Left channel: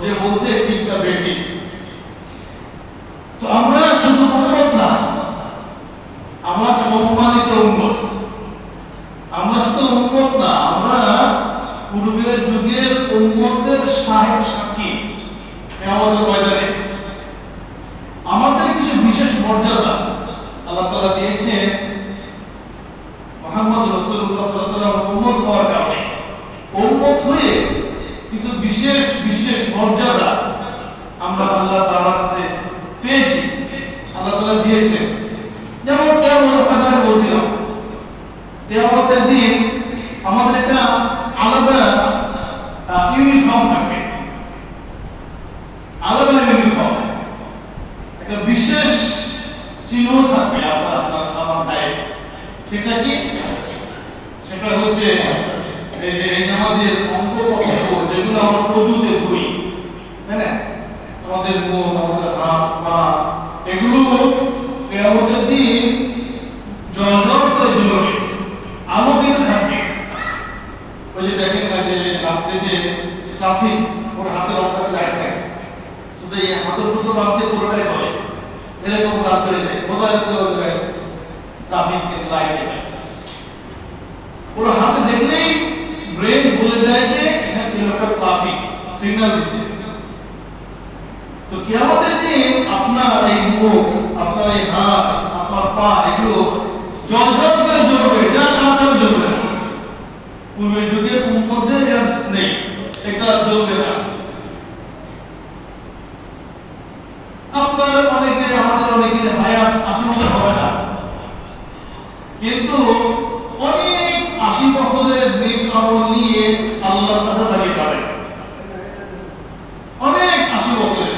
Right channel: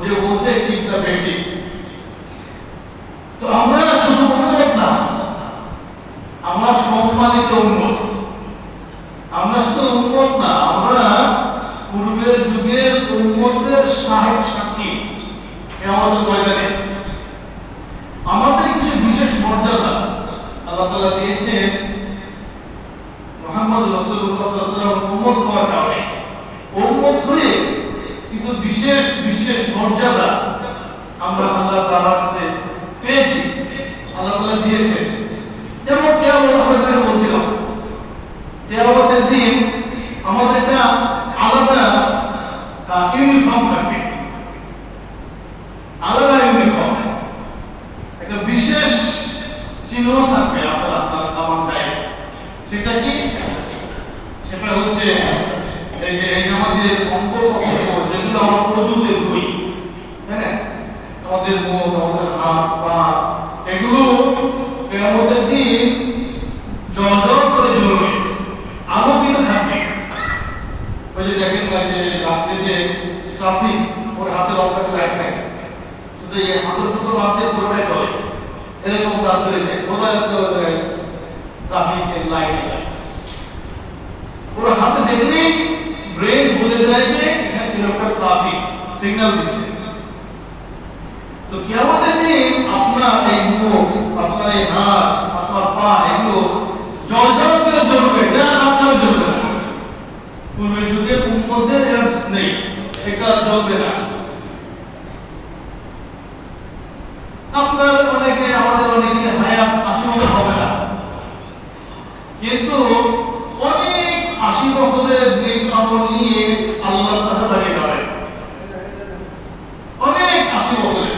যে বলছে ঠিকটা বেঠিক। তো আমরা শুধু উম্মত না, আমরা সম্মানিত উম্মত। আমরা শুধু উম্মত না, আমরা পূর্বের যুগের উম্মতের সাক্ষী। কিয়ামতের ময়দানে আমাদের কিছু বিশেষ মর্যাদা আল্লাহ তাআলা দিয়েছেন মুহাম্মদ রাসূলুল্লাহ সাল্লাল্লাহু আলাইহি ওয়াসাল্লাম উম্মত হওয়ার কারণে। উম্মত হয়ে কিছু বিশেষ বিশেষ মর্যাদা আমরা আল্লাহ তাআলার কাছে পেয়েছি, আল্লাহ তাআলা দিয়েছেন। যেমন কিয়ামত কথা বলছিলাম, কিয়ামতের দিন আমাদের একটা আলাদা ইউনিফর্ম থাকবে, আলাদা ইউনিফর্ম, একটা বিশেষ চিহ্ন থাকবে আমার গায়ে। সেটা কি? সেটা হচ্ছে এই যে আমাদের অঙ্গ যেগুলো আমরা প্রযুক্তি হই, তাই না? আমাদের মুখ, আমাদের হাত পা, এগুলো কিয়ামতের দিন জ্বলজ্বল করে জ্বলবে, আলোকিত থাকবে। ওই যে দেখেন না যে রাত্রে যে ট্রাফিক ওর হাতের অঙ্কটা লাইট থাকে, শুধু এই হাতের দুটো বাদে পুরোটাই জ্বলে, এরকম কাজ করে যায় বোঝায় ট্রাফিক লাইট। ওর হাতে দেখলেই ব্রেন বলে দেয় যে এখানে একটা ট্রাফিক সিগন্যাল দিচ্ছে। তো কিয়ামতের দিন আপনার এই মুখ, আপনার এই হাত, আপনার পা, এগুলো জ্বলজ্বল করে জ্বলবে, এটা আপনার জ্বলবে না। পূর্বের যুগে উম্মতের নেই, এটা জ্বলবে না। আপনার অনেকে, আমাদের অনেকের হায়াত ৮০ বছর হবে না, কিন্তু অনেক ৮০ বছরের নেক আমল নিয়ে আল্লাহর কাছে দাঁড়িয়ে যাবে। অনেক ৮০ বছরের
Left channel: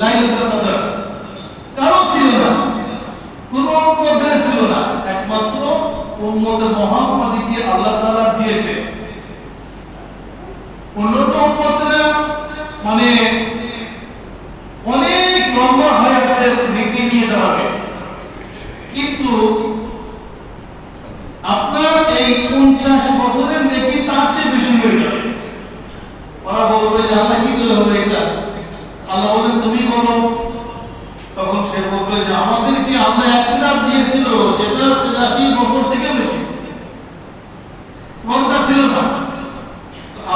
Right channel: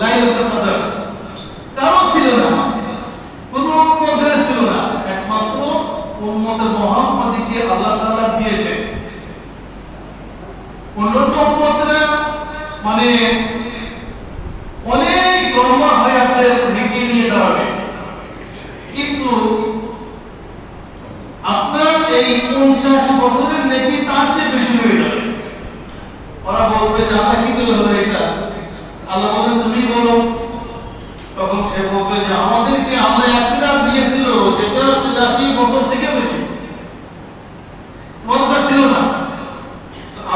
লাইলাতুল কদর কারো ছিল না, কোন উম্মতের ছিল না, একমাত্র উম্মতে মুহাম্মাদকে আল্লাহ তাআলা দিয়েছে। অন্যান্য উম্মতরা মানে অনেক লম্বা হায়াতের নেকি নিয়ে যাবে, কিন্তু আপনার এই 50 বছরের নেকি তার চেয়ে বেশি হয়ে যাবে। ওরা বলবে যে আল্লাহ কি করে হবে এটা? আল্লাহ বলেন তুমি বলো। তখন সে বলবে যে আমাদেরকে আল্লাহ একটা দিয়েছিল যেটা 83 বছর থেকে বেশি, মনে ছিল না।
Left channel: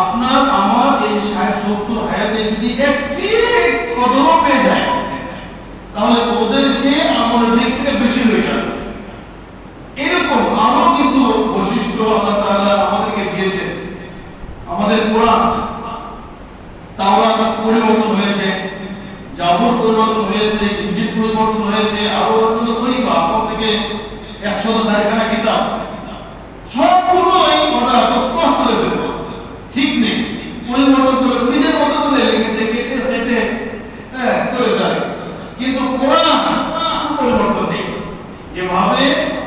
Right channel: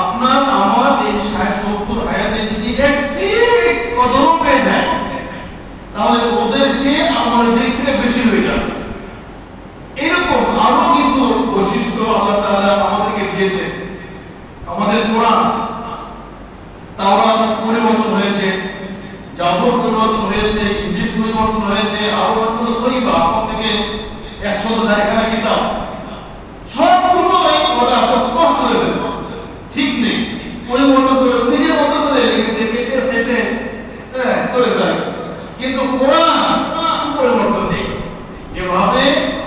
আপনার আমার এই 60-70 হায়াতে যদি একটি কদমও পেয়ে যায়, তাহলে ওদের চেয়ে আমাদের দিক থেকে বেশি হয়ে যাবে। এরকম আরো কিছু বৈশিষ্ট্য আল্লাহ তাআলা আমাদেরকে দিয়েছে। আমাদের কোরআন, তাওরাত পরিবর্তন হয়েছে, জাবুর পরিবর্তন হয়েছে, ইনজিল পরিবর্তন হয়েছে, আরো অন্য সহিফা আপনার থেকে 100 কিতাব, সবগুলোই ওরা স্পষ্ট করে ফেলেছে, ঠিক নেই, পরিবর্তন করে নিজের মতো করে লিখেছে, কেটে সেটে করে ফেলে। কিন্তু কোরআন পরিবর্তন নেই, যেভাবে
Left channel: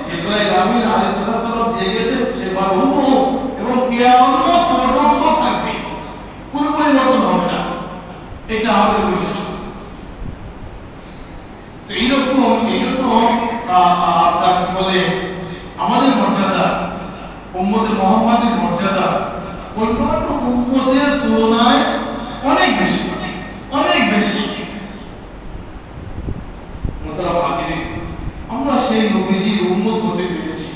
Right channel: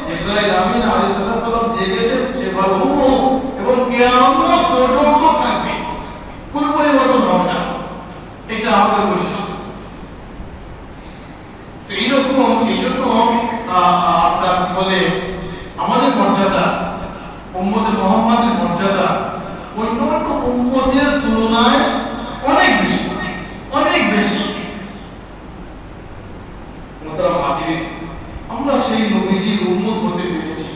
জিবরাইল আমিন আলাইহিস সালাম দিয়ে গেছে সেভাবে হুবহু এবং কিয়ামত পর্যন্ত থাকবে, কোনো পরিবর্তন হবে না। এটা আমাদের বৈশিষ্ট্য। তো এইরকম আপনার বলে আমাদের মর্যাদা, উম্মতে মুহাম্মাদের মর্যাদা অন্যান্য উম্মতের তুলনায় অনেক বেশি, অনেক বেশি। আমরা সেই নবীজির উম্মত হতে পেরেছি।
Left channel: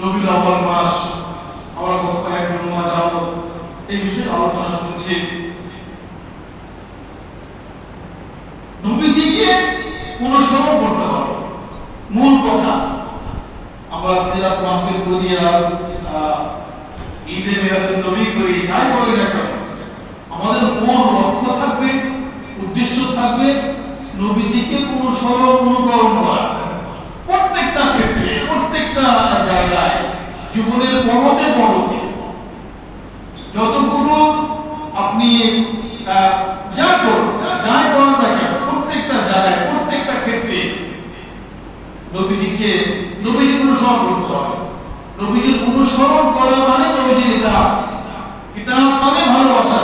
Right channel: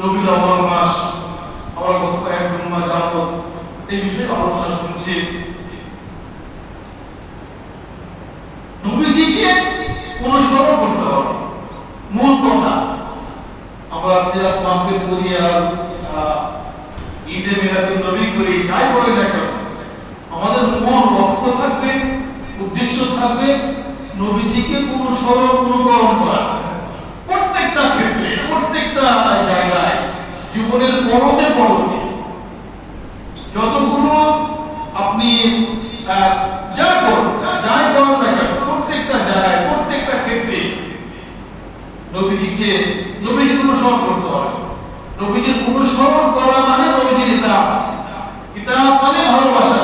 রবিউল আউয়াল মাস আমরা গত কয়েকদিন যাবত এই বিষয়ে আলোচনা শুনছি। নবীজিকে অনুসরণ করতে হবে, মূল কথা। আমরা সিরাত মাহফিল করি আর ঈদে মিলাদুন নবী করি, যাই বলি না কেন, আমাদের মূল লক্ষ্য থাকবে, উদ্দেশ্য থাকবে নবীজিকে অনুকরণ করা। প্রত্যেকটা ক্ষেত্রে, প্রত্যেকটা জায়গায়, জীবনের পরতে পরতে যতগুলো আপনি যা করুন না কেন, প্রত্যেকটা জায়গায়, প্রত্যেকটা ক্ষেত্রে নবীজির অনুসরণ করতে হবে। নবীজির অনুসরণ করা মানে নবীজির কিতাব মানে ভালোবাসা,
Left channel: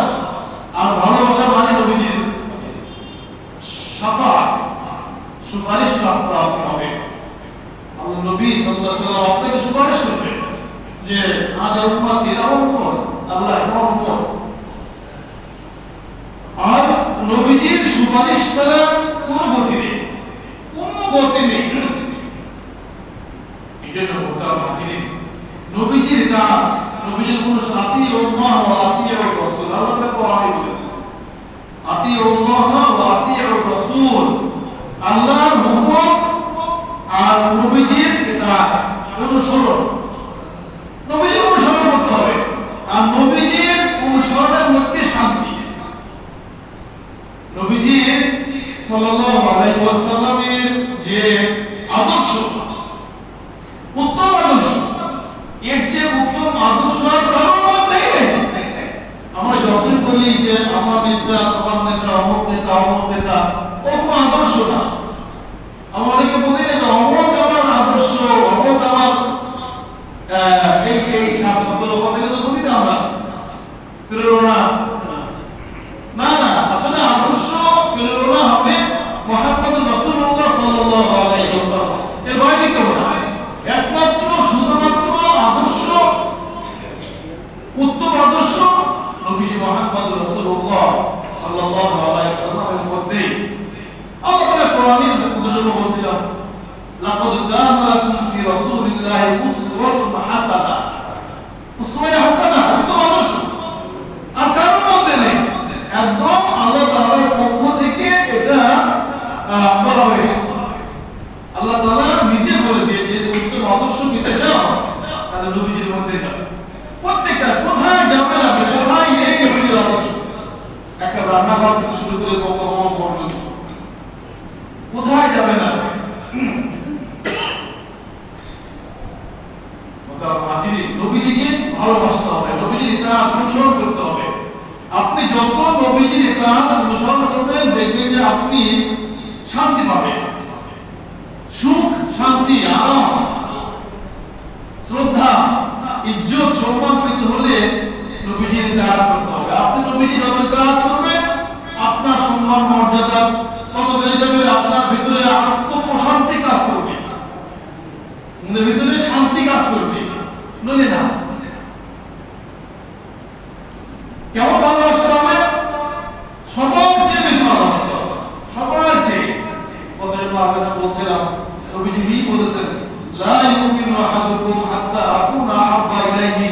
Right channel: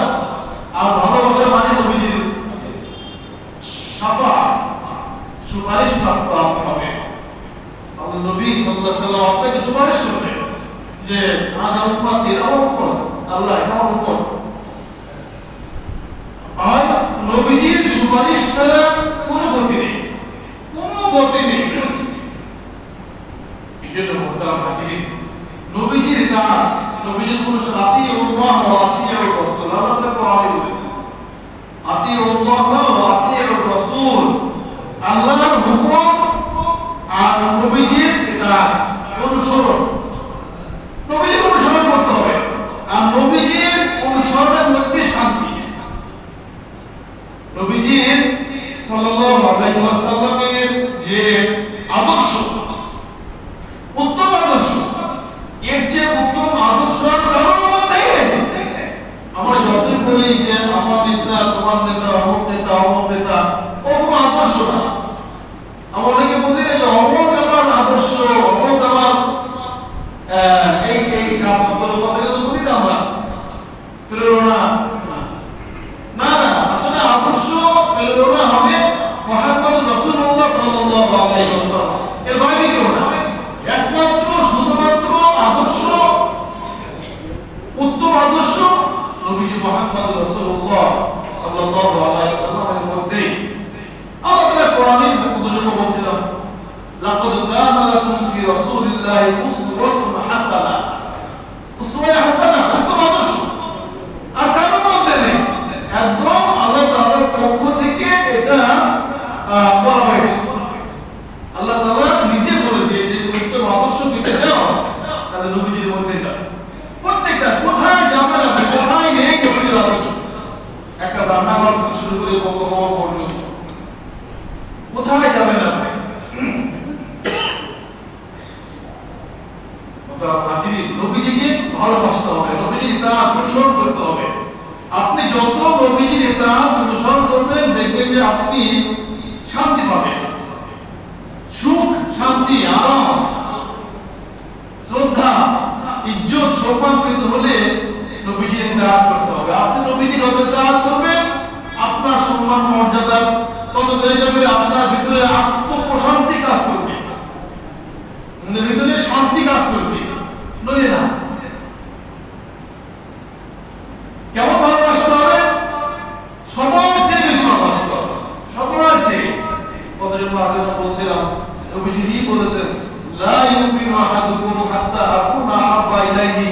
আর ভালোবাসা মানে নবীজির শাফাআত, সুপারিশ প্রাপ্ত হবে। আল্লাহ নবী সাল্লাল্লাহু আলাইহি ওয়াসাল্লাম আপনাকে সুপারিশ করবেন যে আজ আল্লাহ এটা আমার উপর। আর নবীজির সুপারিশ ছাড়া কোনো গতি নেই, কোনো গতি নেই। এই জন্য মোহতারাম হাজিরিন, নবীজির কাজ, নবীজির কোন আতিউল্লাহ ওয়া আতিউর রাসূল, আল্লাহ তাআলা কোরআনে বলেছেন আতিউল্লাহ ওয়া আতিউর রাসূল, আল্লাহর হুকুম আর নবীজির কিতাব অনুসরণ। নবীজির অনুসরণ করতে হবে, আর নবীজির অনুসরণের মধ্যে শান্তি। নবীজির সাল্লাল্লাহু আলাইহি ওয়াসাল্লামের যে আদর্শ, উত্তম আদর্শ, এর যে উত্তম আদর্শ আর কারোর মধ্যেই নেই। আমরা যতই বলি যে আমার নেতা, তোমার নেতা, অমুক নেতা, অমুক নেতা, কোনো আদর্শ না। আমরা অনেকে বলি না অমুক আমার আদর্শ, অমুক আমার এই সকল কথা তো বলি না আমরা, প্রেরণা না না, আসলে আদর্শ প্রেরণা হবে মুহাম্মদ রাসূলুল্লাহ সাল্লাল্লাহু আলাইহি ওয়াসাল্লাম, এর বাইরে কেউ না। একমাত্র শুধুমাত্র আদর্শ, উত্তম আদর্শ নবীজি মুহাম্মদ রাসূলুল্লাহ সাল্লাল্লাহু আলাইহি ওয়াসাল্লামের মধ্যে। আল্লাহ তাআলা কোরআনের মধ্যে বলেছিলেন লাকাদ কানা লাকুম ফি রাসূলিল্লাহি উসওয়াতুন হাসানাহ, উসওয়া হাসানাহ উত্তম আদর্শ আর কারোর মধ্যে নেই। একদম আল্লাহ তাআলার পক্ষ থেকে এটা বলা হয়েছে। আল্লাহ তাআলা নিজে বলে দিয়েছে উত্তম আদর্শ পেতে চাও তাহলে নবীজির মধ্যে যাও। প্রত্যেকটা কোথায় যাবে না, কোথায় নেই নবীজির আদর্শ, একটা রান্নাঘর থেকে শুরু করে বঙ্গভবন পর্যন্ত কোথায় যাবে না। নবীজিকে ভালোবাসতে হবে, নবীজির ইত্তেবা অনুসরণ করতে হবে। আপনি যত নবীজির ইত্তেবা অনুসরণ করবেন দেখবেন যে আপনি শান্তি পাবেন, সুখ, শান্তি, আরাম, শ্রদ্ধা, ইজ্জত, সম্মান পেতে হলে নবীজির ইত্তেবা করতে হবে। আপনি নবীজির ইত্তেবা করবেন, আপনার সম্মান মর্যাদা কত বেড়ে যাবে, আপনার ভিতরে আত্মপ্রশান্তি কাজ করবে, ভিতরে শান্তি কাজ করবে। নইলে না। কেমন ভালোবাসতে হবে? সবার চেয়ে বেশি ভালোবাসতে হবে, সবার চেয়ে। কতজন আগে বলছিলাম, নবীজি বলেছেন লা ইউমিনু আহাদুকুম হাত্তা আকুনা আহাব্বা ইলাইহি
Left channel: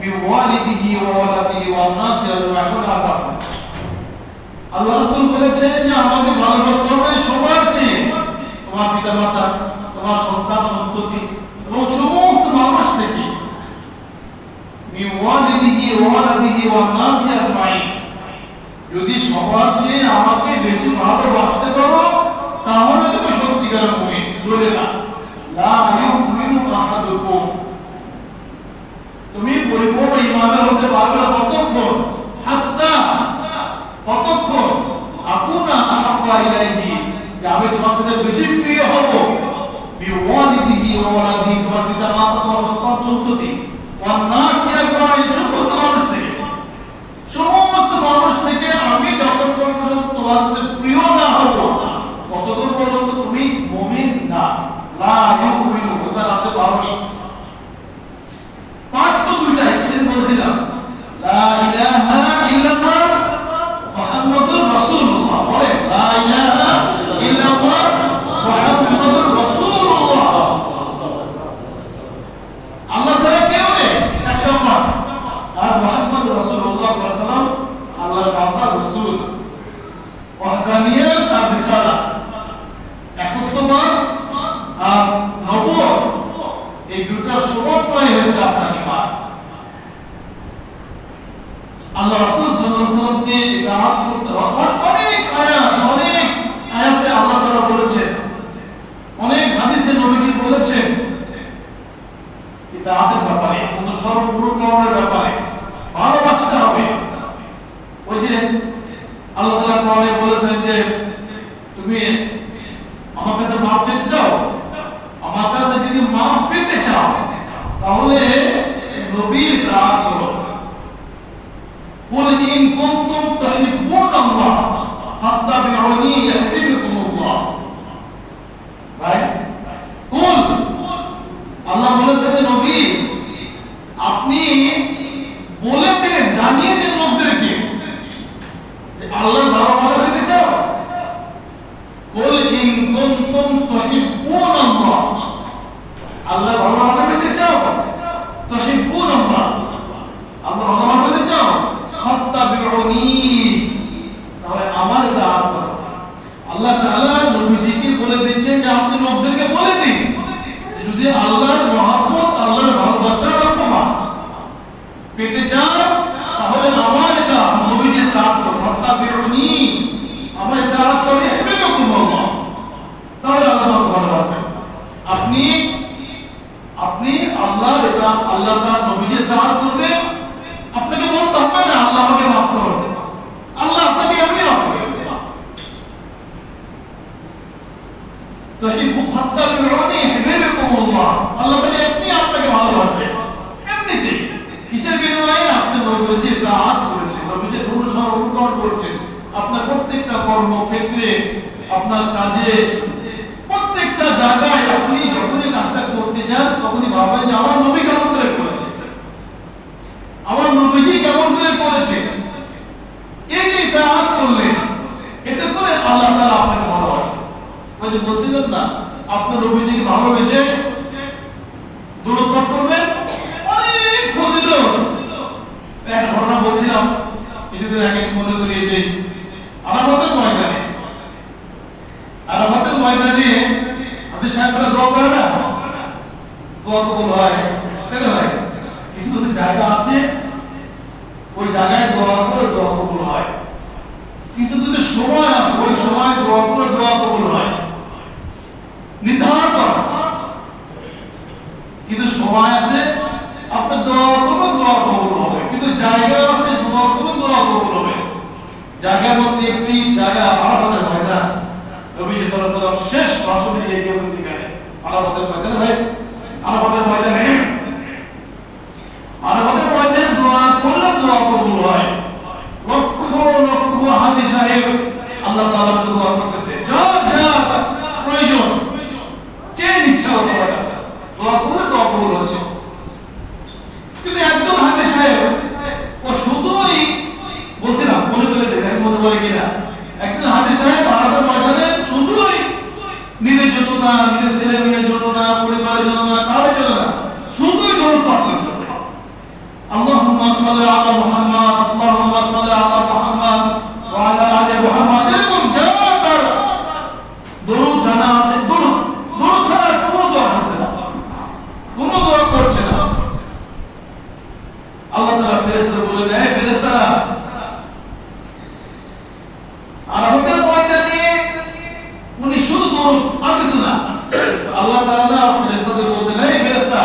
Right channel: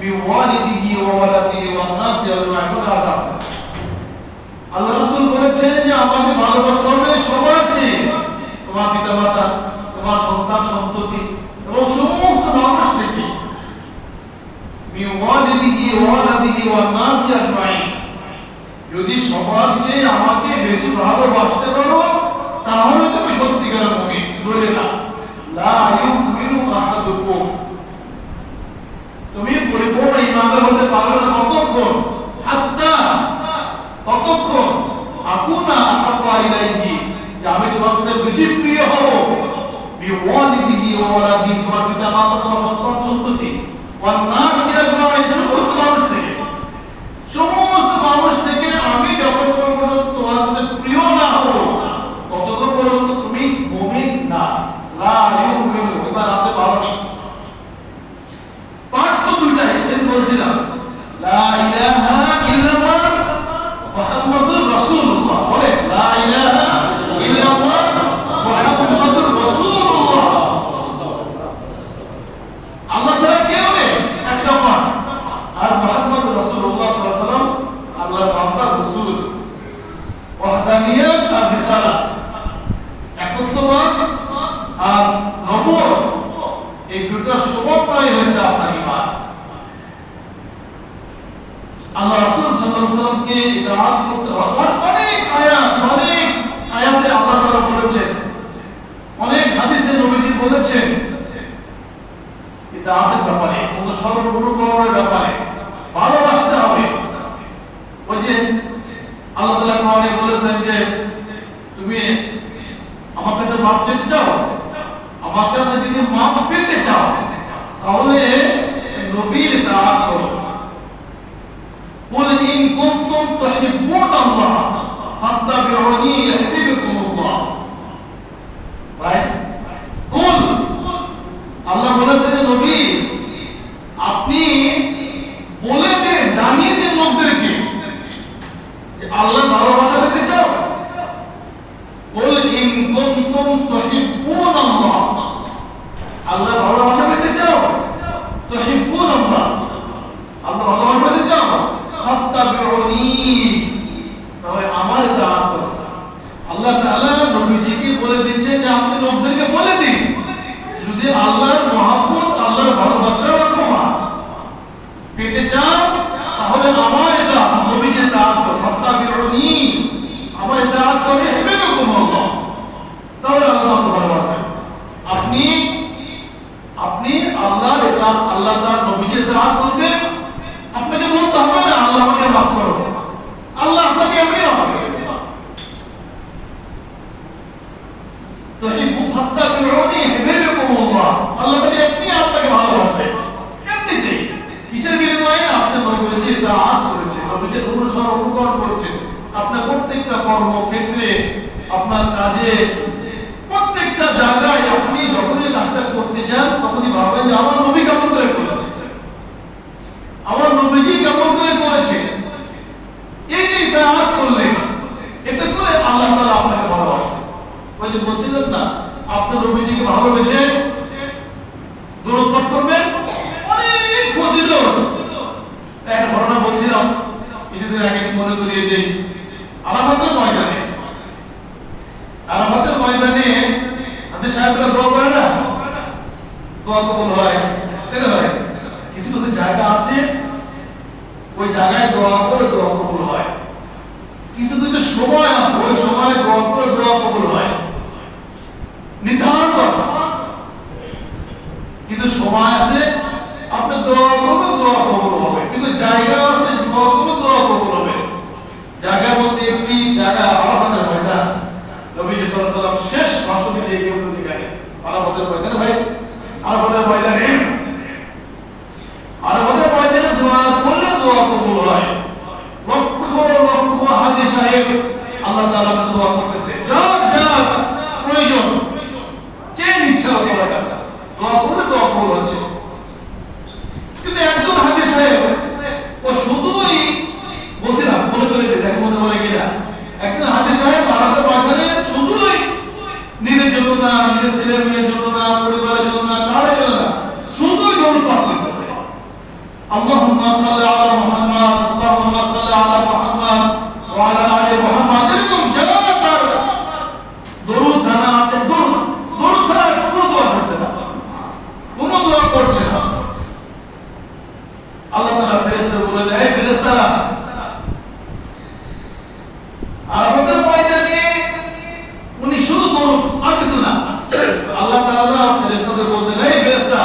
মিন ওয়ালিদিহি ওয়া ওয়ালাদিহি ওয়ান নাসি আজমাইন আযাব। আল্লাহ রাসূল বলেছেন যে আমাদের ভালোবাসতে হবে সবার চেয়ে, তোমার পিতামাতা, তোমার সন্তান সন্ততি এবং সমস্ত মানুষ থেকে। যদি সবার চেয়ে আমাকে বেশি ভালোবাসতে পারো তাহলে তুমি সত্যিকারের মুমিন, নইলে না। লা ইউমিনু আহাদুকুম, তুমি পরিপূর্ণ ঈমানদার হতে পারবে না ততক্ষণ, হাত্তা ততক্ষণ আকুনা আহাব্বা ইলাইহি, যে আমি তোমার কাছে বেশি প্রিয় হব, বিওয়ালিদিহি ওয়া ওয়ালাদিহি, তোমার পিতা মাতা, তোমার সন্তান সন্ততি, ওয়ান নাসি আজমাইন, সমস্ত মানুষ থেকে আমি যতক্ষণ পর্যন্ত তোমার কাছে প্রিয় না হব ততক্ষণ পর্যন্ত তুমি মুমিন না। লা ইউমিনু, এটা আপনি পারোনি। পাঠ তো দুইটাই, সেদিন বলছিলাম লা ইলাহা ইল্লাল্লাহ মুহাম্মাদুর রাসূলুল্লাহ, বলে লা ইলাহা ইল্লাল্লাহ মুহাম্মাদুর রাসূলুল্লাহ। আল্লাহ ছাড়া কেউ নেই, এক নম্বর। আর মুহাম্মদ রাসূলুল্লাহ সাল্লাল্লাহু আলাইহি ওয়াসাল্লাম আল্লাহর বান্দা, রাসূল। ওয়াহদানিয়ত আর রিসালাত, একত্ববাদ আর নবুয়ত, এই দুটো সমন্বয় হচ্ছে আপনার ঈমান। আল্লাহ রাসূল সাল্লাল্লাহু আলাইহি ওয়াসাল্লামকে ইতাআত করতে অনেক আয়াতে আল্লাহ তাআলা বলেছেন, অনেক হাদিসে নবীজি বলেছেন ইতাআতের ব্যাপারে, অনুসরণ করার ব্যাপারে, ভালোবাসতে হবে। ওই যে আল্লাহ তাআলা কোরআনে বলেছেন যে তুমি আমার কাছে মাফ চাইতে চাও, আমার কাছে যদি মাফ পেতে চাও তাহলে নবীর ইতাআত করো। কুল ইন কুনতুম তুহিব্বুনাল্লাহ ফাত্তাবিউনি ইহদিকুমুল্লাহ। রাইট? কুল, আল্লাহ বলেছেন নবী আপনি বলে দেন পেতে চাও তাহলে আমার এটা নবীদের দাওয়াত করো, ফাত্তাবিউনি, আমার দাওয়াত করে ইহবিবকুম আল্লাহ, তাহলে আল্লাহ ভালোবাসবেন। আপনি আল্লাহর এটা আল্লাহ তাআলা নবীদের দাওয়াত করবেন, আপনাকে বলতে হবে না আল্লাহ আমাকে মাফ করো, আল্লাহ আপনাকে এমনি মাফ করবে। তো হিব্বু ফাত্তাবিউনি ইহবিবকুম আল্লাহ, আল্লাহ বলে আপনি আপনাকে ভালোবাসবে এমনিতেই। কিসের বিনিময়ে? আপনি নবীজির দাওয়াত করেছেন, নবীজির অনুসরণ করেছেন। আপনার প্রত্যেকটা কর্মক্ষেত্রে, আপনার কাজে, প্রত্যেকটা জায়গায় আপনি যখনই কাজটা করতে যান তখনই ভাবেন যে আমার নবী কেমন করে করেছে, আমার নবীজি কেমন করে করেছে। এই যে দাওয়াত করলেন, এতে করে আল্লাহ তাআলা আপনাকে ভালোবাসে। ওই যে বলছিলেন না, আপনি নবীজিকে ভালোবেসে দরুদ পাঠ করবেন, অনেক ফজিলত। এক ঘটনা বলছিলাম কিছুদিন আগে, মনে করিয়ে দেই। আরাফাতের ময়দানে হাদিস সাহেবরা দোয়া করে না, দোয়া কবুল হয়, তাই না ভাই? কিছু কিছু জায়গা আছে ওই জায়গায় দোয়া করে দোয়া কবুল হয়, কিছু কিছু সময় আছে ওই সময় দোয়া করে দোয়া কবুল হয়, নির্ধারণ করা। কিন্তু সময় আছে আপনি দোয়া করবেন, দোয়া কবুল হবে, কিন্তু জায়গা আছে দোয়া করবেন, দোয়া কবুল হবে। জায়গার মধ্যে একটি জায়গা আরাফাতের ময়দান, নবী সাল্লাল্লাহু আলাইহি ওয়াসাল্লাম শেষ ভাষণ দিয়ে গেছেন সেখানে আরাফাতের ময়দানে। ভাই আরাফাতের ময়দানে দোয়া করলে দোয়া কবুল হয়। লক্ষ লক্ষ হাজি সাহেব আল্লাহ তাআলা কাছে দোয়া করতেছে, যার প্রয়োজন চেয়ে নিচ্ছে আল্লাহ তাআলার কাছে, দোয়া করলে দোয়া কবুল হচ্ছে। কিন্তু একজন হাজি সাহেব ও শুধুই বলছিলাম, মনে করে দেখ মনে করে কিনা, একজন হাজি সাহেব আরাফাতের ময়দানে শুধুই নিজের জন্য না, নিজের ছেলে মেয়ের জন্য না, পরিবারের জন্য না, কারোর জন্য না, শুধুই দরুদ পাঠ করতেছে। আল্লাহুম্মা সাল্লি আলা মুহাম্মাদ, আল্লাহুম্মা সাল্লি আলা মুহাম্মাদ ওয়া আলা আলি মুহাম্মাদ, এরকম যা তার দরুদ জানা আছে, দরুদ ছাড়া কোনো দোয়া করছে না, কোনো দোয়া করছে না। আল্লাহ তাআলা ফেরেশতাদের বলে দেয়, ফেরেশতারা আরাফাতের ময়দানে উনি শুধু দরুদ আর কিছু না। আল্লাহ তাআলা ফেরেশতাদের বলছেন, এই ফেরেশতা,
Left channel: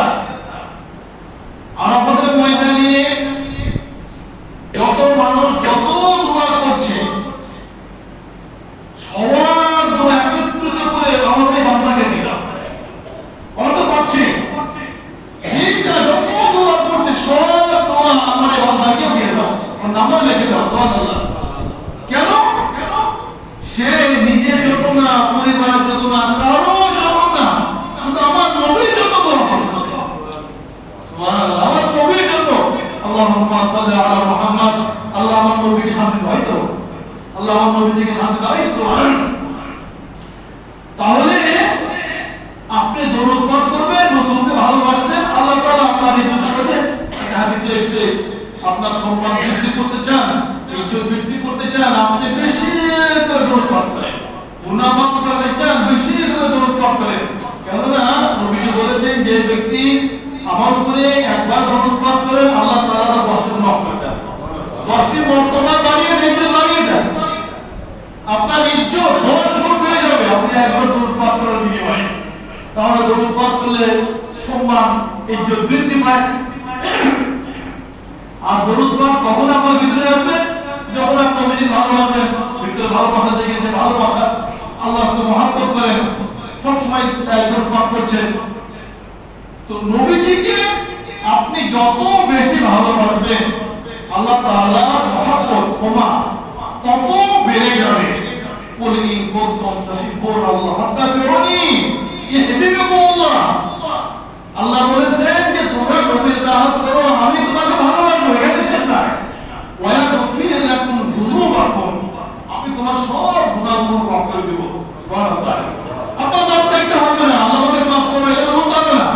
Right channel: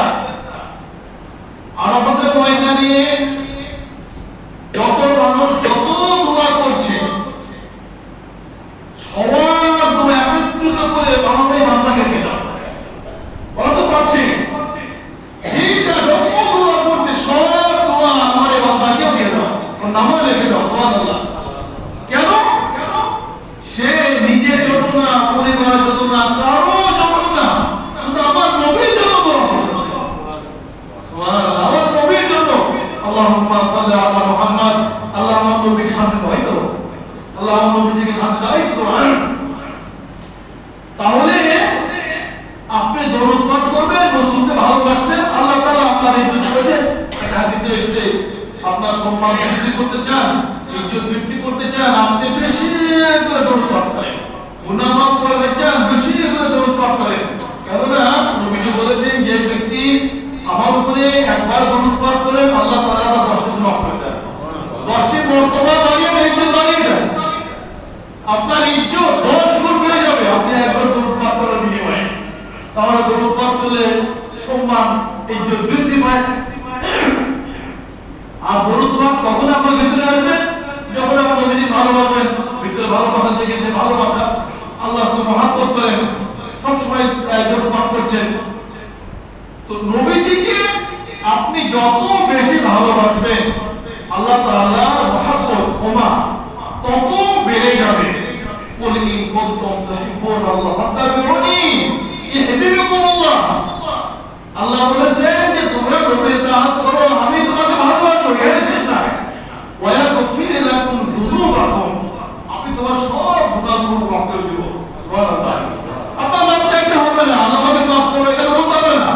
আরাফাতের ময়দানে যত মানুষ যত দোয়া করছে সবার দোয়া একত্রিত করে আমাদের বান্দাকে দিয়ে দাও। ওরা তো পাচ্ছে, এইটা যত দোয়া করছে সব দোয়া আমাদের বান্দাকেও দিয়ে দাও, নামও লিখে দাও। সুবহানাল্লাহ। কেন? সে নিজের জন্য না, পরিবারের জন্য না, কারো জন্য না, শুধু আমার নবীর জন্য দোয়া করতেছে। সুবহানাল্লাহ, আমার নবীর জন্য। আল্লাহুম্মা সাল্লি আলা মুহাম্মাদ, আল্লাহ আমার নবীকে শান্তি দাও, তো আল্লাহ আমার নবীকে শান্তি দাও, তো তাহলে আপনি দরুদ পাঠ করবেন, রাসূলকে ভালোবাসছেন, আল্লাহ তাআলা আপনার ইজ্জত করবেন। একটা হাদিসে এসেছে, আপনার সম্মান বৃদ্ধি করতে চান, ইজ্জত বৃদ্ধি করতে চান, আপনি বেশি করে দরুদ পাঠ করেন। গুনাহ মাফ করতে চান, বেশি করে দরুদ পাঠ করেন। কেননা নবীজি বলেছেন, যে ব্যক্তি আমার উপরে একবার দরুদ পাঠ করে আল্লাহ তাআলা তার 10টি গুনাহ মাফ করে দেন, 10টি মর্তবা বাড়িয়ে ইজ্জত বাড়িয়ে দেন। আপনার ইজ্জত 10 গুণ বেড়ে যাবে আপনি একবার দরুদ পাঠ করার বিনিময়ে। তাহলে দরুদ পাঠ করলে সম্মান, ইজ্জত বৃদ্ধি পায়। আর দরুদ পাঠ কখন আপনার ভিতরে আসবে? যখন আপনি নবীজি ভালোবাসেন, ভিতরে ভালোবাসা জেগেছে, ভালোবাসা, আল্লাহকে মহব্বত করেন, সবসময় দরুদ পাঠ করছেন। তো নবীজিকে আপনি যত বেশি ভালোবাসবেন, আল্লাহ তাআলার মহব্বত, ক্ষমা তত বেড়ে যাবে। কুল ইন কুনতুম তুহিব্বুনাল্লাহ ফাত্তাবিউনি ইহবিবকুম আল্লাহ। আল্লাহ বলেছেন যে তোমরা নবীর তাআত করো, আমি তোমাকে ভালোবাসবো। এর শেষ না, ওয়া ইয়াগফির লাকুম যুনুবাকুম, আমি তোমার সব গুনাহগুলো মাফ করে দেব। সুবহানাল্লাহ। আপনার নাম চাইতে হবে না, আল্লাহ আমাকে মাফ করো এটা বলতে হবে না।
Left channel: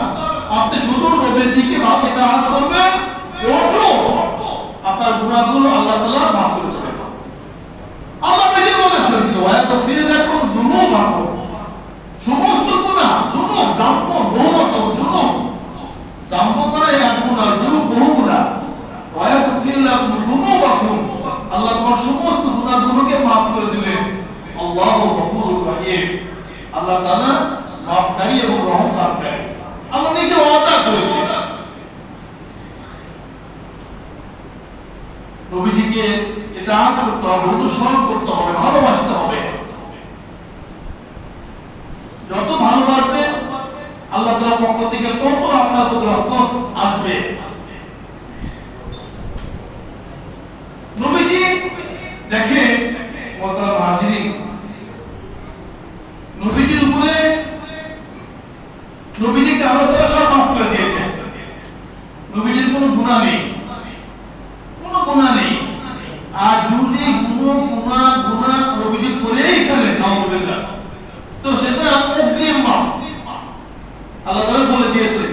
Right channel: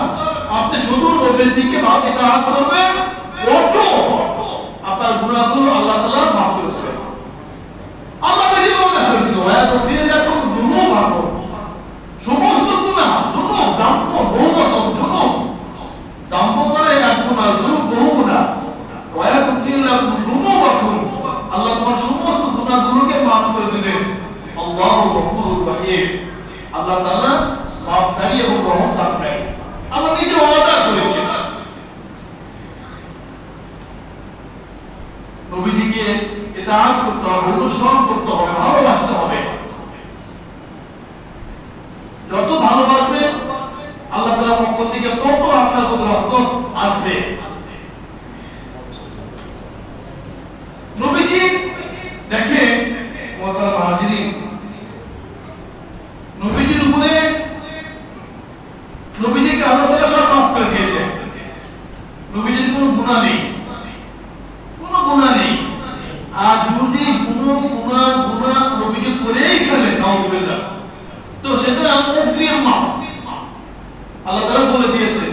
আপনি শুধু নবীজিকে তাআত করবেন, অটো আপনার গুনাহগুলো আল্লাহ তাআলা মাফ করে দেবেন। আল্লাহ নিজে বলেছেন, ওয়া ইয়াগফির লাকুম যুনুবাকুম, সমস্ত গুনাহ, যুনুব, জাম্ব, বহু বছর যুনুব, জাম্ব মানে এক গুনাহ, যুনুব বহু গুনাহ। আল্লাহু গফুরুর রহিম, আল্লাহ তাআলা মাফকারী এবং রহম দানকারী। আল্লাহ নিজে ওয়াদা করেছেন নবীজিকে ইতাআত করতে হবে, অনুসরণ করতে হবে, ভালোবাসতে হবে। যত ভালোবাসবে আল্লাহ তাআলার পক্ষ থেকে তত আপনার প্রতি রহমত আসবে। নবীজি দেখে মুহতারাম হাজিরিন, নবীজির উপরে নবীজিকে আল্লাহ তাআলা সব মাফ করে দিয়েছেন। নবীজির কোনো গুনাহ নেই, কোনো গুনাহ নেই। আর যদি কোনো গুনাহ নবীজি করেই ফেলেন নাউযুবিল্লাহ, তো সেটা মুফলিম মাফ। আল্লাহ তাআলা বলে দিয়েছে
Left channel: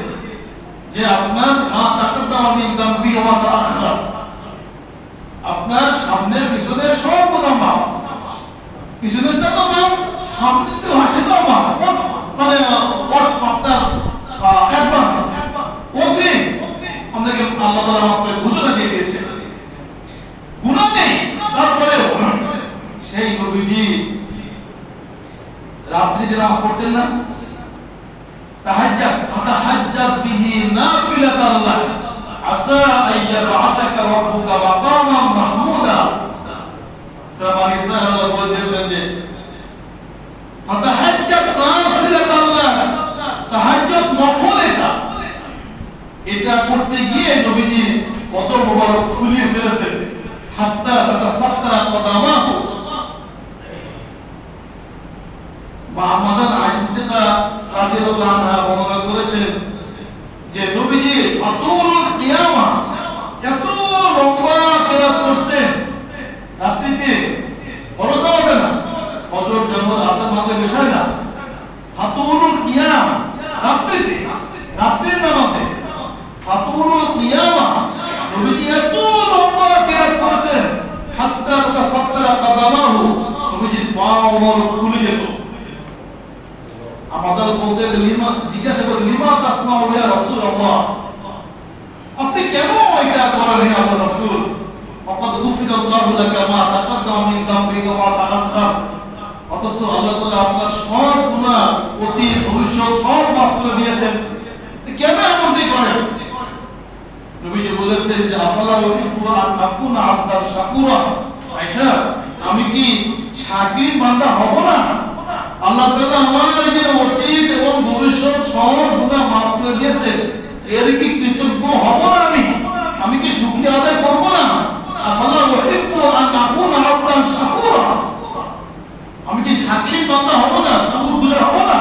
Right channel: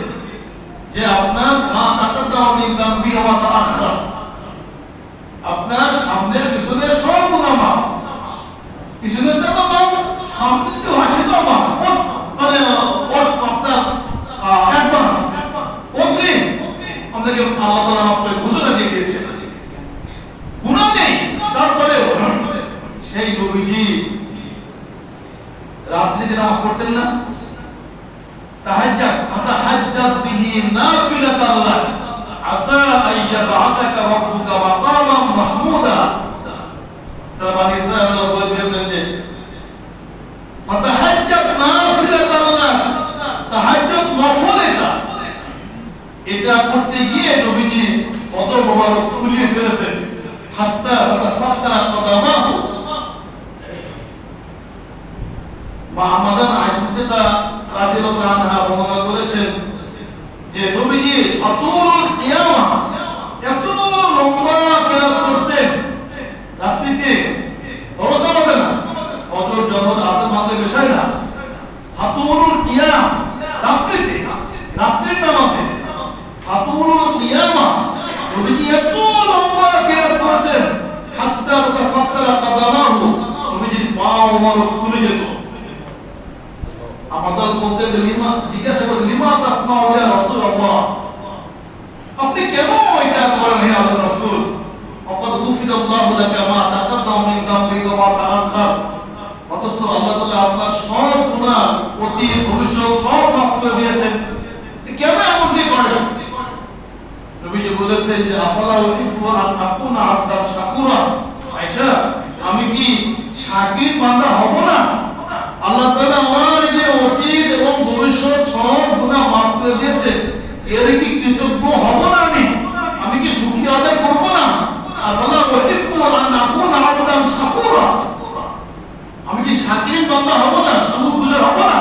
যে আপনার মা তাকাদ্দামা মিন যামবি ওয়া তাআখার, আপনার সামনের পিছনের সব গুনাহ মাফ। পিছনেরটা তো মাফ, সামনেরটা আছে তো মাফ, মানে আপনার অ্যাডভান্স অগ্রিম আমাদেরকে আল্লাহ তাআলা মাফ করে ঘোষণা দিয়ে দিয়েছে। গুনাহ নেই, তারপরেও সেই নবীজি রাত্রি যে নামাজ পড়তেন না, তাহাজ্জাদ বিহি নাফিলাতান লাক আসা আইয়াবআসাকা রাব্বুকা মাকামান মাহমুদা। সূরা বানী ইসরাঈল আল্লাহ বলেছেন যে ফাতাহাজ্জাদ নাফিলাতান লাক, তাহাজ্জুদ নফল, এটা করতে গিয়ে নবীজি কদর মোবারক ফুলিয়ে ফেলেছেন। হাত্তা তাতাফাত্তারা কদামাহু, বা আমাদের আয়েশা রাদিয়াল্লাহু আনহা বর্ণনা করেছেন যে নবীজি আতুল কিয়ামা, এত লম্বা কিরাত করতেন রাত্রিতে, বড়টা হবে না, ফজর যখন আসর মাঝে বসায় না, আতুল কিয়াম রাত্রিতে, রাত্রির নামাজে আতুল কিয়ামা নবীজি এত লম্বা কিরাত করতেন, হাত্তা তাতাফাত্তারা কদামাহু, নবীজির পা মোবারক ফুলে যেত। আমাদের বলতে লিমা জিজ্ঞাসা করে, লিমা তাসমাউ ইয়া রাসূলুল্লাহ, আপনি কেন এটা করেন হে আল্লাহর রাসূল? ফাকাদ গুফিরাল্লাহু লাকা মা তাকাদ্দামা মিন যামবিকা ওয়া তাআখার, অথচ আল্লাহ তাআলা আপনার সব গুনাহ অতীত ভবিষ্যৎ সব মাফ করে দিয়েছেন, কেন এমনটি করেন? নবীজি বলেছেন যে আফালা উহিব্বু আন আকুনা আবদান শাকুরা, আয়েশা আমি কি শাকির বান্দা হব না? আল্লাহ তাআলা আমার যে অতীত এবং ভবিষ্যৎ সব গুনাহ মাফ করে দিয়েছে, এর কি কৃতজ্ঞ হব না? আমি কি শুকরিয়া আদায় করব না? আফালা উহিব্বু আন আকুনা আবদান শাকুরা, আমি কি শাকির বান্দা হব না, শুকরগুজার হব না?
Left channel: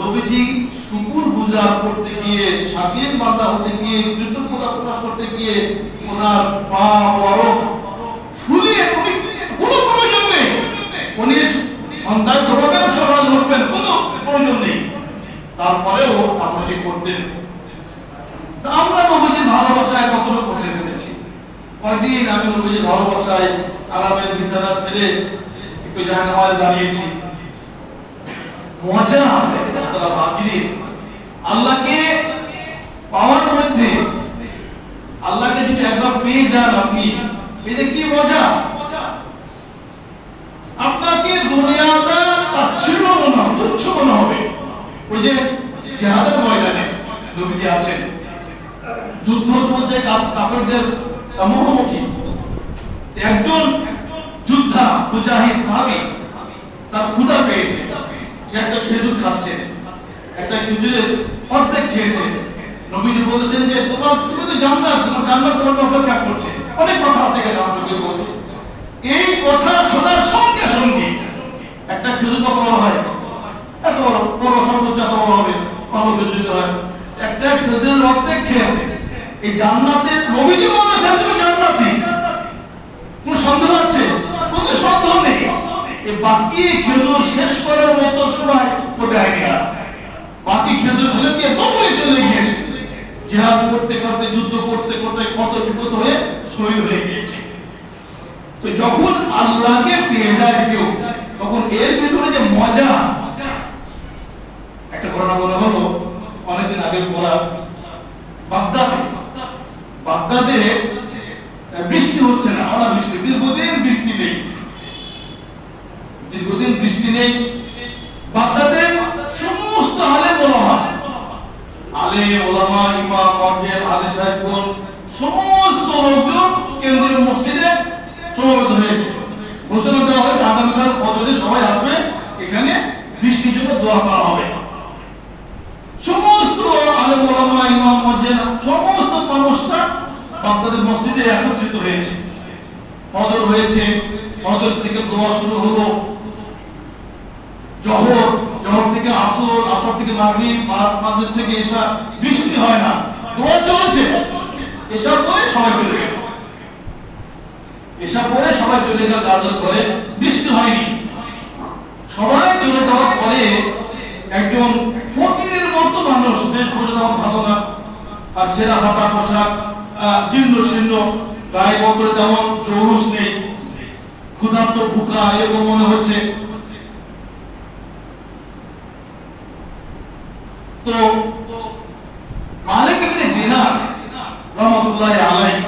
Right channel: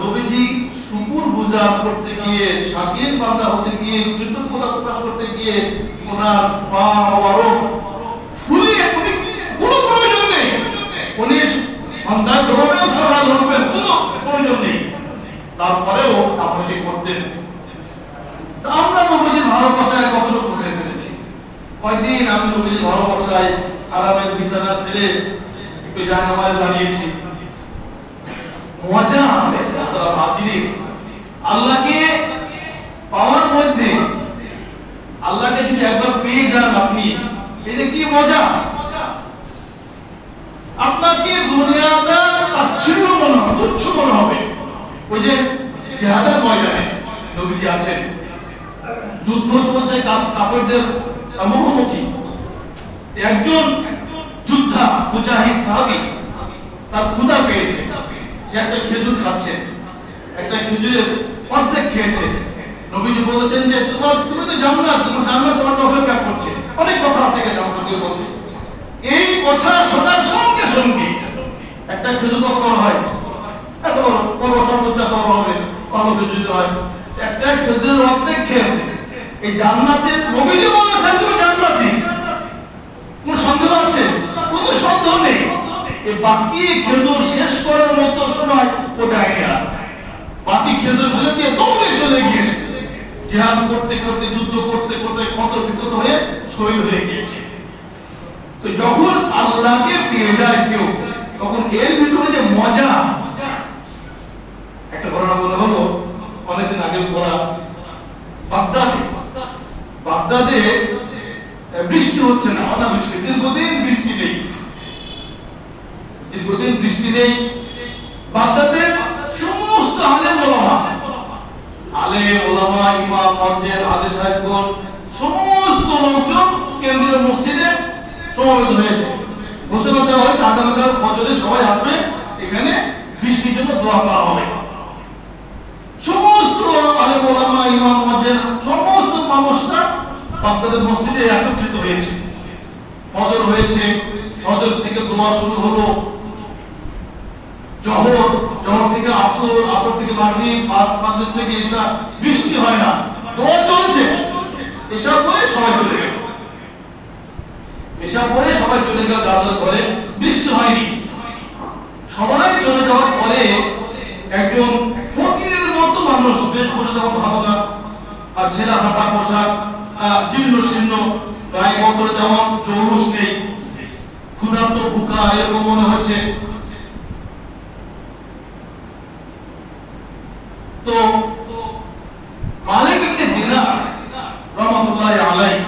নবীজি শুকরগুজার করতে গিয়ে, শাকির বান্দা হতে গিয়ে, কৃতজ্ঞতা প্রকাশ করতে গিয়ে ওনার পা মোবারক ফুলিয়ে কোনো প্রয়োজন নেই, উনি সন্তান ধরবেন, সকাল উঠবেন, কোনো প্রয়োজন নেই, তারপরেও আপনি করতেন। আমরা নবীজির ভালোবাসায় কতটা করতে পেরেছি? কয়দিন আমি নবীজির ভালোবাসায় আরামের বিছানা ছেড়ে একটু জায়নামাজ দাঁড়িয়েছি। মজা আছে তারা বাকিরি আল্লাহকে পাওয়ার মধ্যে, আল্লাহকে যদি একবার পেয়ে যান আপনি, এটা কি মজা! আপনাকে দুনিয়াটা তাচ্ছিল্য মনে হবে, তুচ্ছ মনে হবে। ওই যে জিহাদের ময়দানে নবীজি আছেন, যুদ্ধ চলছে কাফেরদের মুখোমুখি, একজন যোদ্ধা মুজাহিদ সাহাবী তার ক্ষুধা পেয়েছে, সে একটা খেজুর খাচ্ছে, একটা খেজুরের অর্ধেক খেয়েছে। নবীজি বলেছেন যে তুমি তো জান্নাত, তোমার জান্নাত তোমার অপেক্ষা করছে। অনেক কথা আছে এখানে, আমরা কেউ বলছে এই কথা শোনার সঙ্গে সঙ্গে একটা খেজুর কত বড় হয়, এত বড় বড় সর্বোচ্চ এত বড় হবে, কত খেজুর হয়, একটা খেজুরের অর্ধেক খেয়েছে। এই জান্নাতের নবীজি বলেছেন তুমি জান্নাতি, কোনো সন্দেহ আছে? কোনো সন্দেহ নেই। এই বাকি খেজুর শেষ করার মতো সময় ও দেয়নি, আর বাকি খেজুর ফেলে দিয়ে দৌড়ে চলে গিয়েছে। জিহাদ করতে করতে, যুদ্ধ করতে করতে ক্ষত বিক্ষত হয়ে শহীদ হয়ে গিয়েছে। তো যখন আল্লাহকে পেয়ে যায় কেউ, তখন এর ভিতরে যে মজা, একটা ঘটনা বলা হলো অনেকদিন আগে পড়া, বাগদাদে বৃষ্টি হচ্ছে না, অনাবৃষ্টি, দীর্ঘদিন বৃষ্টি নেই। দীর্ঘদিন বৃষ্টি নেই। বাগদাদের সমস্ত আলেম ওলামা ইমাম মসজিদ আলে সাহেবগণ সমস্ত লোকজন কেন্দ্রীয় মসজিদে সমবেত হয়েছে। ঘোষণা দেওয়া হয় আগামীকাল ফজরে সবাই আসবে, এখানে বৃষ্টির জন্য দোয়া করা হবে। সমস্ত আলেম ওলামা ইমাম মসজিদ সমস্ত মানুষরা বাগদাদের মসজিদে একত্রিত হয়েছে। ফজর হয়েছে, ফজর থেকে দোয়া শুরু হলো, জোহর থেকে আসর, আসর থেকে মাগরিব, মাগরিব থেকে ইশা। বৃষ্টি হয় না, দোয়া চলছে। ইশা পরে সবাই চলে গেল, ইশা পরে সবাই চলে গেল তাদের ঘরে, বৃষ্টি হয়নি। সবাই চলে যাওয়ার পরে একজন ফকিরের মতো মানুষ, বেশ বসে যাওয়া ভালো না, আর সেরা ফাটা পোশাক, জীর্ণ শীর্ণ, গায়ে বদলে যেমন চৌরস নেই, ক্ষুধার্ত ভুকা এরকম মনে হচ্ছে। তো মালিক ইবনে দিনার রাহমাতুল্লাহি আলাইহি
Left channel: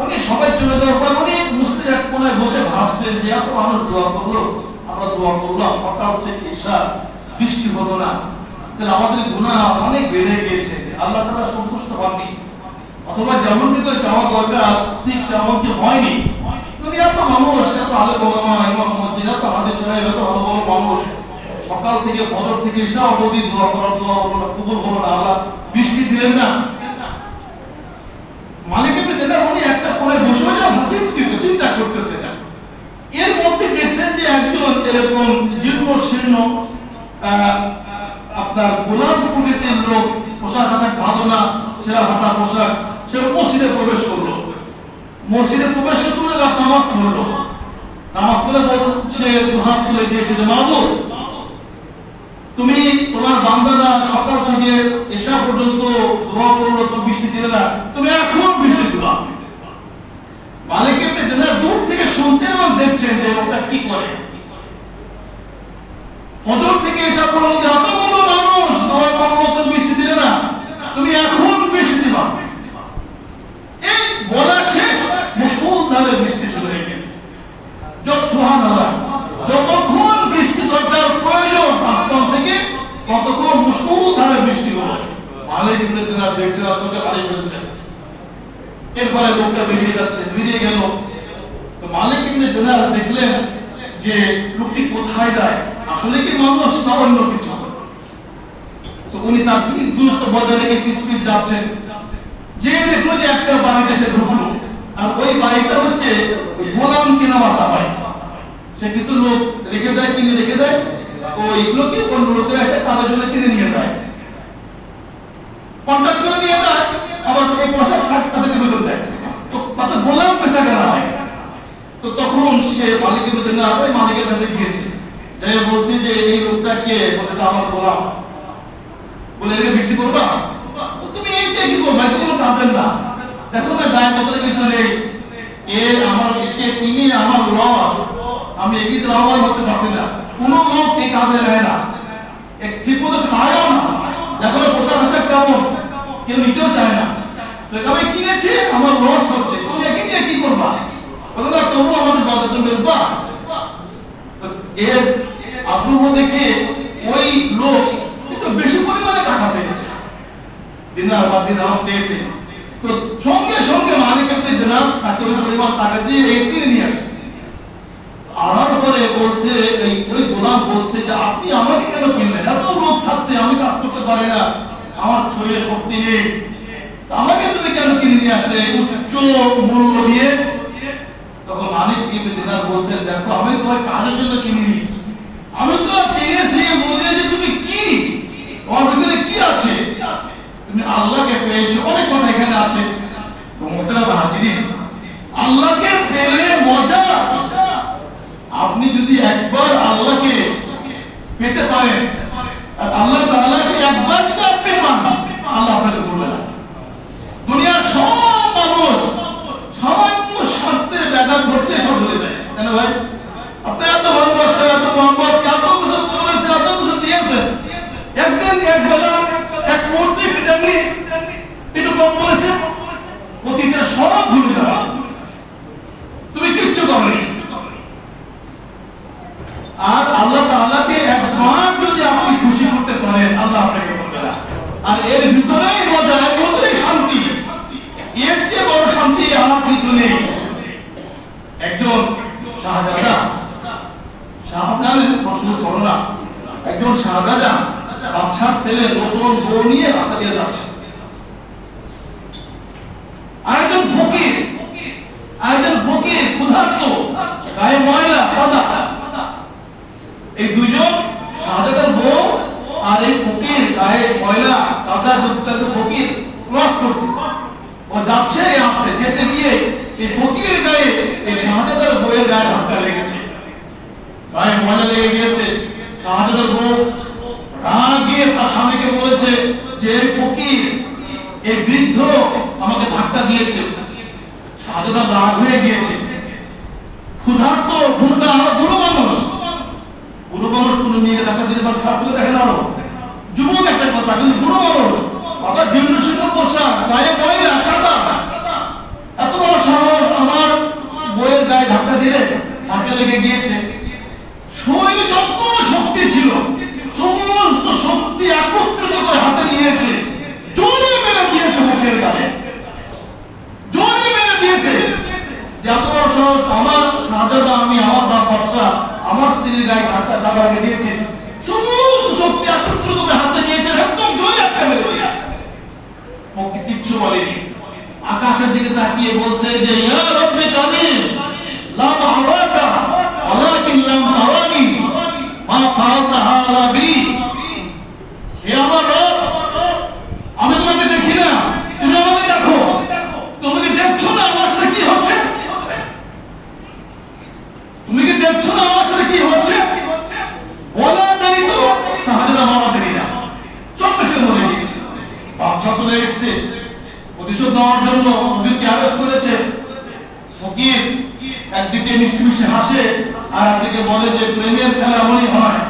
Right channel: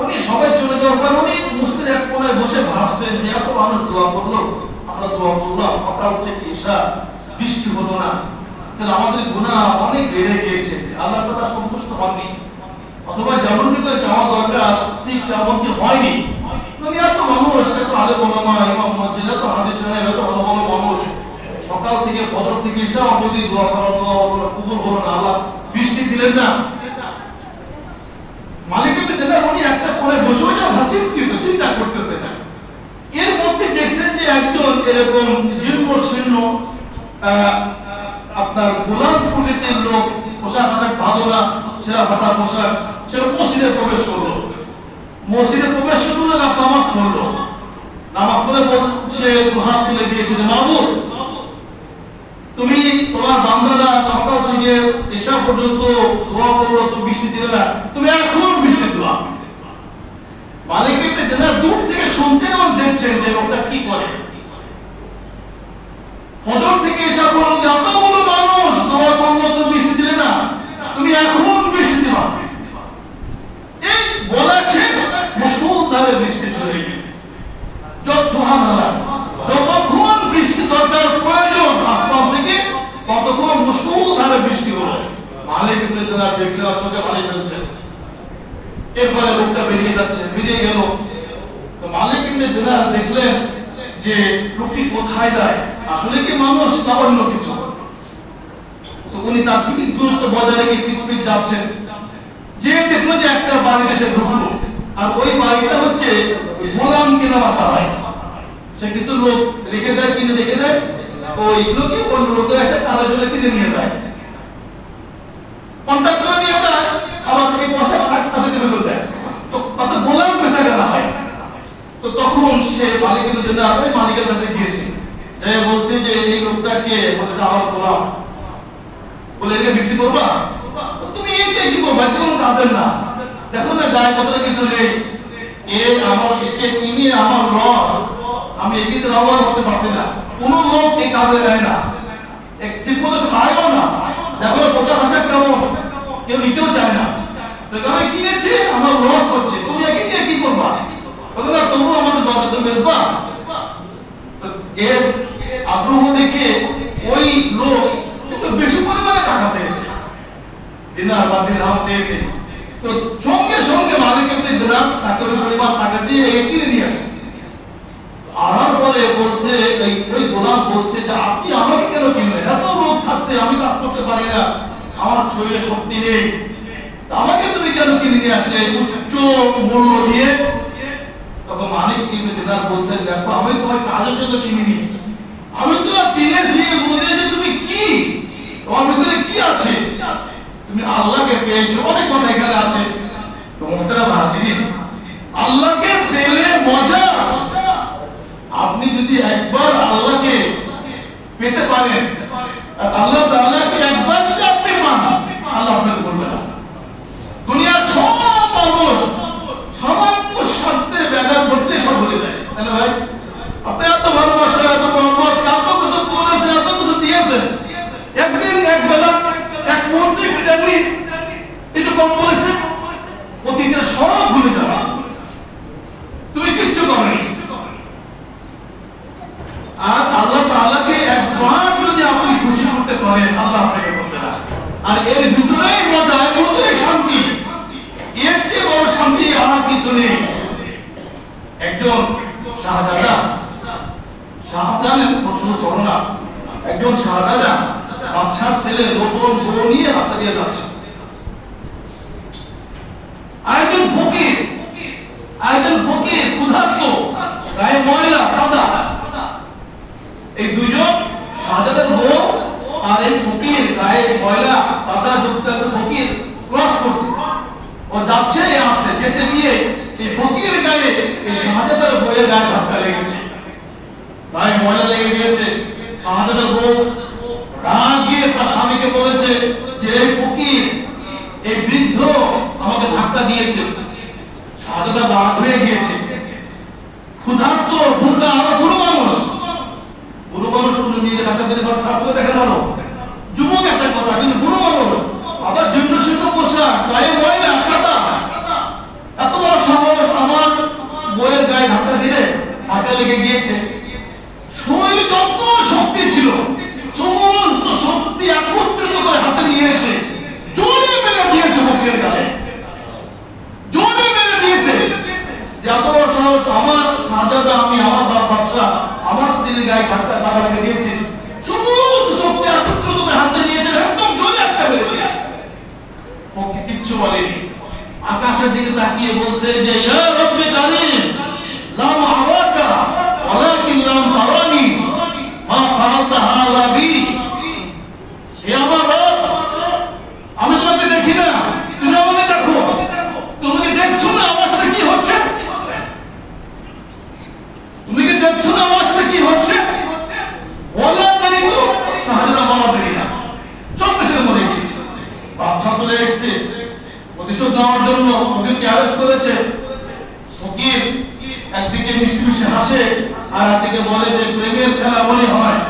উনি সবাই চলে যাওয়ার পর উনি মুসলিম এক কোণায় বসে ভাবছেন যে এত মানুষ দোয়া করলো, আমরা দোয়া করলাম, সকাল থেকে ঈশা বৃষ্টি হলো না, তাহলে আমাদের গুনাহ অনেক বেড়ে গিয়েছে, আল্লাহ তাআলা সন্তুষ্ট হননি, অথবা যেমনটি করে চাওয়া দরকার ঠিক তেমনটি হয়নি। মানে এত মানুষ, এত আলেম ওলামা ইমাম মসজিদ, এত হাদিস সাহেব, এত ভালো ভালো মানুষ, সকাল থেকে ফজর থেকে ঈশা অবধি দোয়া করার দোয়া কবুল হলো না, আল্লাহ বৃষ্টি দিলেন না। মালিক ইবনে দিনার উনি একটা কোণে বসে চিন্তা করতেছে না। এর মধ্যে দেখছেন যে একজন এরকম জীর্ণ শীর্ণ আপনার গোলাম প্রকৃতির লোক, পোশাক আশাক ভালো না, ছেঁড়া ফাটা পোশাক, সে মসজিদে প্রবেশ করলো। মসজিদে প্রবেশ করে নামাজ পড়লো। নামাজ পড়ে বলছে, হাত তুলে দিয়েছে যে মাবুদ, তুমি তোমার বান্দারা সকাল থেকে ঈশা পর্যন্ত দোয়া করলো, তুমি বৃষ্টি দিলে না, তুমি এখন বৃষ্টি দিবা। মালিক ইবনে দিনার দূর থেকে শুনছেন এবং দেখছেন যে ওটা কি করে। ফজর থেকে ঈশা পর্যন্ত এতগুলো মানুষ দোয়া করলো, তুমি বৃষ্টি দিলে না, তুমি এখন বৃষ্টি দিবা। এই বলা শেষ, মুষলধারে বৃষ্টি শুরু হয়ে গেছে। সুবহানাল্লাহ, যতক্ষণ বৃষ্টি দরকার প্রয়োজন আসমান থেকে, ততক্ষণ মুষলধারে বৃষ্টি হলো। মালিক ইবনে দিনার দেখছেন, চোখে পানি ফেলছে। এরপরে লোকটা বেরিয়ে যাচ্ছে, বেরিয়ে গেল। তো মালিক ইবনে দিনার দেখলেন যে লোকটি কোথায় যায়, আসলে কি মানুষ না অন্য কিছু। তো উনি তার দূরত্ব বজায় রেখে পিছপিছ যাচ্ছেন, যে দেখলো যে একটা বাড়িতে সে ঢুকলো, আর ওই বাড়িটা হচ্ছে গোলাম কেনা বাসা হয়। সে কিছু লোক রেখে দেয়, কিনে রেখে দেয়, ওইগুলোকে অন্য লোকে এসে কাজে জন্য কিনে নিয়ে যায়, কন্ট্রাক্ট করে নিয়ে যায়, আবার এই পয়সা তাদের বেতন দেয়। তো তাতে গোলাম পেশা কেনা হয়। তো তখন সে মালিকের জন্য ওই মালিকের কাছে গিয়েছে, যাই বলছে যে এই লোকটাকে বলে আমার গোলাম, বলে একে বিক্রি করবা, তুমি এই যে কি করবা, কোনো কাজের না, দেখো না গায়ে কত কিছু নেই, এ আমার একে কিনে আমার লস, আমি এগিয়ে লাভবান হতে পারছি না, কোন লোক এই কাজে নেয় না, ঠিক মতো খায়ও না, দেখো না পোশাক আশাক কেমন, কেউ নিতেও চায় না, তো আমি কিনেছি আমার লস হচ্ছে, তুমি একে নিয়ে কি করবা, তোমরা তোমরা আমাদের দরকার তুমি বেচবা। এর আগ্রহ দেখে ওই লোক একটু বেশি পরিমাণে টাকা চেয়েছে, দিনার বা দিরহাম চেয়েছে। তো সঙ্গে সঙ্গে মালিক ইবনে দিনার তাকে ওই পরিমাণ টাকা দিয়ে কিনে নিয়ে আসে। আনার পরে বলছে, ওই গোলাম বলছে যে আপনি আমাকে কেন কিনলেন, এত লোক থাকতে আমি কাজ করতে পারি না, আমার শরীরে শক্তি নেই, আমাকে তুমি কেন কিনে নিয়ে আসলে উচ্চ মূল্য দিয়ে। তখন মালিক ইবনে দিনার বলছেন, দেখো আমি তোমার কাজের জন্য কিনিনি, আমি তো চিনেছি বুঝেছি তুমি কি, তোমার ভিতরে কি আছে, তুমি আল্লাহকে পেয়েছো, অনেক কথা এখানে আছে। তো মোহতারাম হাজিরিন, আল্লাহকে পেলে মজা আছে। আপনি যদি একবার আল্লাহকে পেতে পারেন, আল্লাহ তাআলাকে একবার যদি আপনি পান, আল্লাহ আপনাকে বলবে না। দুনিয়ার সব মানুষ সামান্য স্বার্থের ব্যাঘাত ঘটলে সব ভুলে যায়, তাই না ভাই? আপনি এত ভালোবাসা, এত মহব্বত, এত কিছু করেছেন, এত কিছু দিয়েছেন, একদিন এক বেলা এক মুহূর্তে আপনি একটু কম বলেছেন, অতীতের সব ভুলে যাওয়া, তুমি কিচ্ছু করনি। শান্তি আর কিছু নেই। একজন শাহজাহানের প্রশ্ন করো না, একজন শাহজাহান বাদশার ছেলে নতুন বউ নিয়ে রাস্তা দিয়ে যাচ্ছে, আরেকজন ফকির ক্ষুধার্ত, গায়ে ময়লা কাদা। এই দুজন শাহজাহানের বউ আর এই ফকির গায়ে ময়লা কাদা যুক্ত ফকির ক্রস করছে, ও যাচ্ছে আসছে, যেতে গিয়ে এই ফকিরের গায়ে এই শাহজাহানের বউয়ের গায়ে ধাক্কা লেগেছে, গায়ে ময়লা লেগে গিয়েছে। শাহজাহানের বউ রাগে তার স্বামীকে বলেছে যে এই ফকির, এই বৃদ্ধ আমাকে ধাক্কা দিয়েছে। শাহজাহান রাগ হয়ে গিয়েছে, ক্ষুধার্ত ভুলটা আমরা বুড়ো মানুষ কোনো নিয়ে ধাক্কা দিলে খারাপ করে দেখে দাঁড়ো, যুবক একটা কথা, কিন্তু বুড়ো মানুষ আবার জীর্ণ শীর্ণ পোশাক, গায়ে ময়লা কাদা, এত বড় সাহস আমার বইয়ের গায়ে ধাক্কা দিলে ধাক্কা লেগে গিয়েছে। শরীরে যত শক্তি ছিল সমস্ত শক্তি একত্রিত করে হাতে নিয়ে এসে জোরে মেরে দিয়েছে মুখের গায়ে, জোরে মেরে দিয়েছে। এত বড় সাহস আমার শাহজাহান, আমি আমার বাদশাহ আমার স্ত্রীর গায়ে ধাক্কা লেগে দিয়েছে, সমস্ত শক্তি একত্রিত করে হাতে নিয়েছে, একদম জোরে একটা মেরে দিয়েছে। ওকে কিচ্ছু বলেনি, আকাশের দিকে তাকিয়ে বলছে যে ইয়া রব্বি কারীম লাম আরাকা ওয়ালাকিন লাম তারানি মা ফাআলতা হাযা বি। হে আমার রব, আমি তোমাকে দেখি না, তুমি আমাকে দেখো, তুমি কি দেখছো না আমার সাথে কি হচ্ছে? তুমি কি দেখছো না আমার সাথে কি হচ্ছে? বলা দেরি তো শাহজাহান মারা দেরি না, চোখে সে মরে গিয়েছে। বাদশা চলে এসেছে প্রতিশোধ নেওয়ার জন্য, ফকিরকে অ্যারেস্ট করেছে। ফকির একদিকে মিষ্টি মিষ্টি হাসে আর একদিকে বলে যে প্রেমের খেলা এমনই হয়,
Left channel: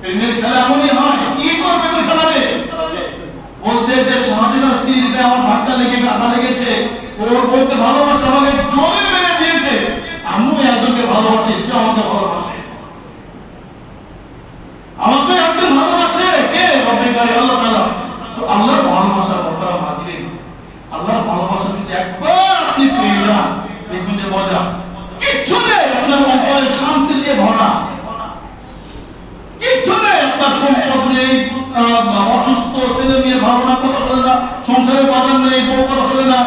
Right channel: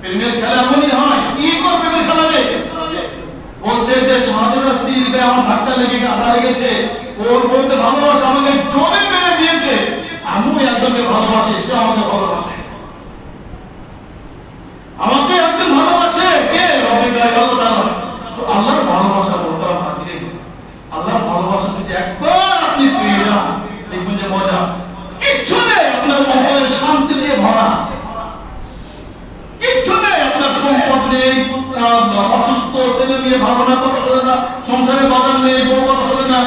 প্রেমের খেলা এমনই হয়। কি তোর প্রেমের খেলা রে? বলছে যে শাহজাহান স্ত্রীর গায়ে আমার ধাক্কা লেগে কাদা লেগেছে, ওর বলতে ভালোবাসা আমাকে জোরে মেরে দিয়েছে, আমিও একজনকে ভালোবাসি, সে আমাকে ভালোবাসে, আমাকে একজন ভালোবাসে। কে? রব্বুল আল্লাহ তাআলা। তো আল্লাহর ভালোবাসা বলতে হাজিরে, আল্লাহর ভালোবাসা যদি একবার আপনি পেয়ে যান, দেখবেন যে মজা কিচ্ছু নেই, আপনার অন্তরে শান্তি দিয়ে ভরা, কিচ্ছু নেই, আপনার সম্পদ নেই, অসুস্থ ছেলে মেয়ে ভাবনা কথা বলে না, সংসারে বাজার নেই, বউ কথা চলে না,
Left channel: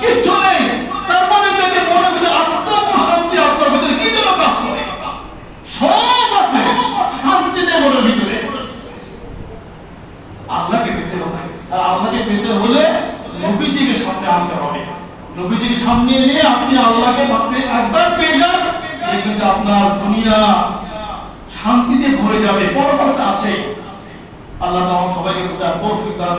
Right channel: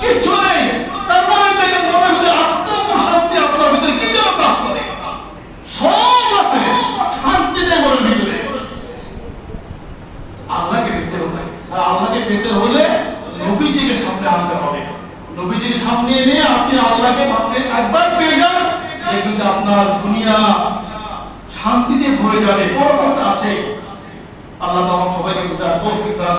কিচ্ছু নেই, তারপরে দেখে মনে হচ্ছে আত্মপ্রশান্তি আপনার ভিতরে কি যেন কাজ করে, সব আছে, শান্তি নেই মনের ভিতরে। আল্লাহকে পেতে হবে, আর আল্লাহকে পেতে হলে নবীজিকে সামনে আনতে হবে। নবীজিকে সামনে এনে আপনি আল্লাহকে একবার পেয়ে যান, দেখবেন আপনার দুনিয়া শান্তিতে ভরে যাবে। বড় কথা আছে, আল্লাহ সবাইকে বোঝার তৌফিক দান।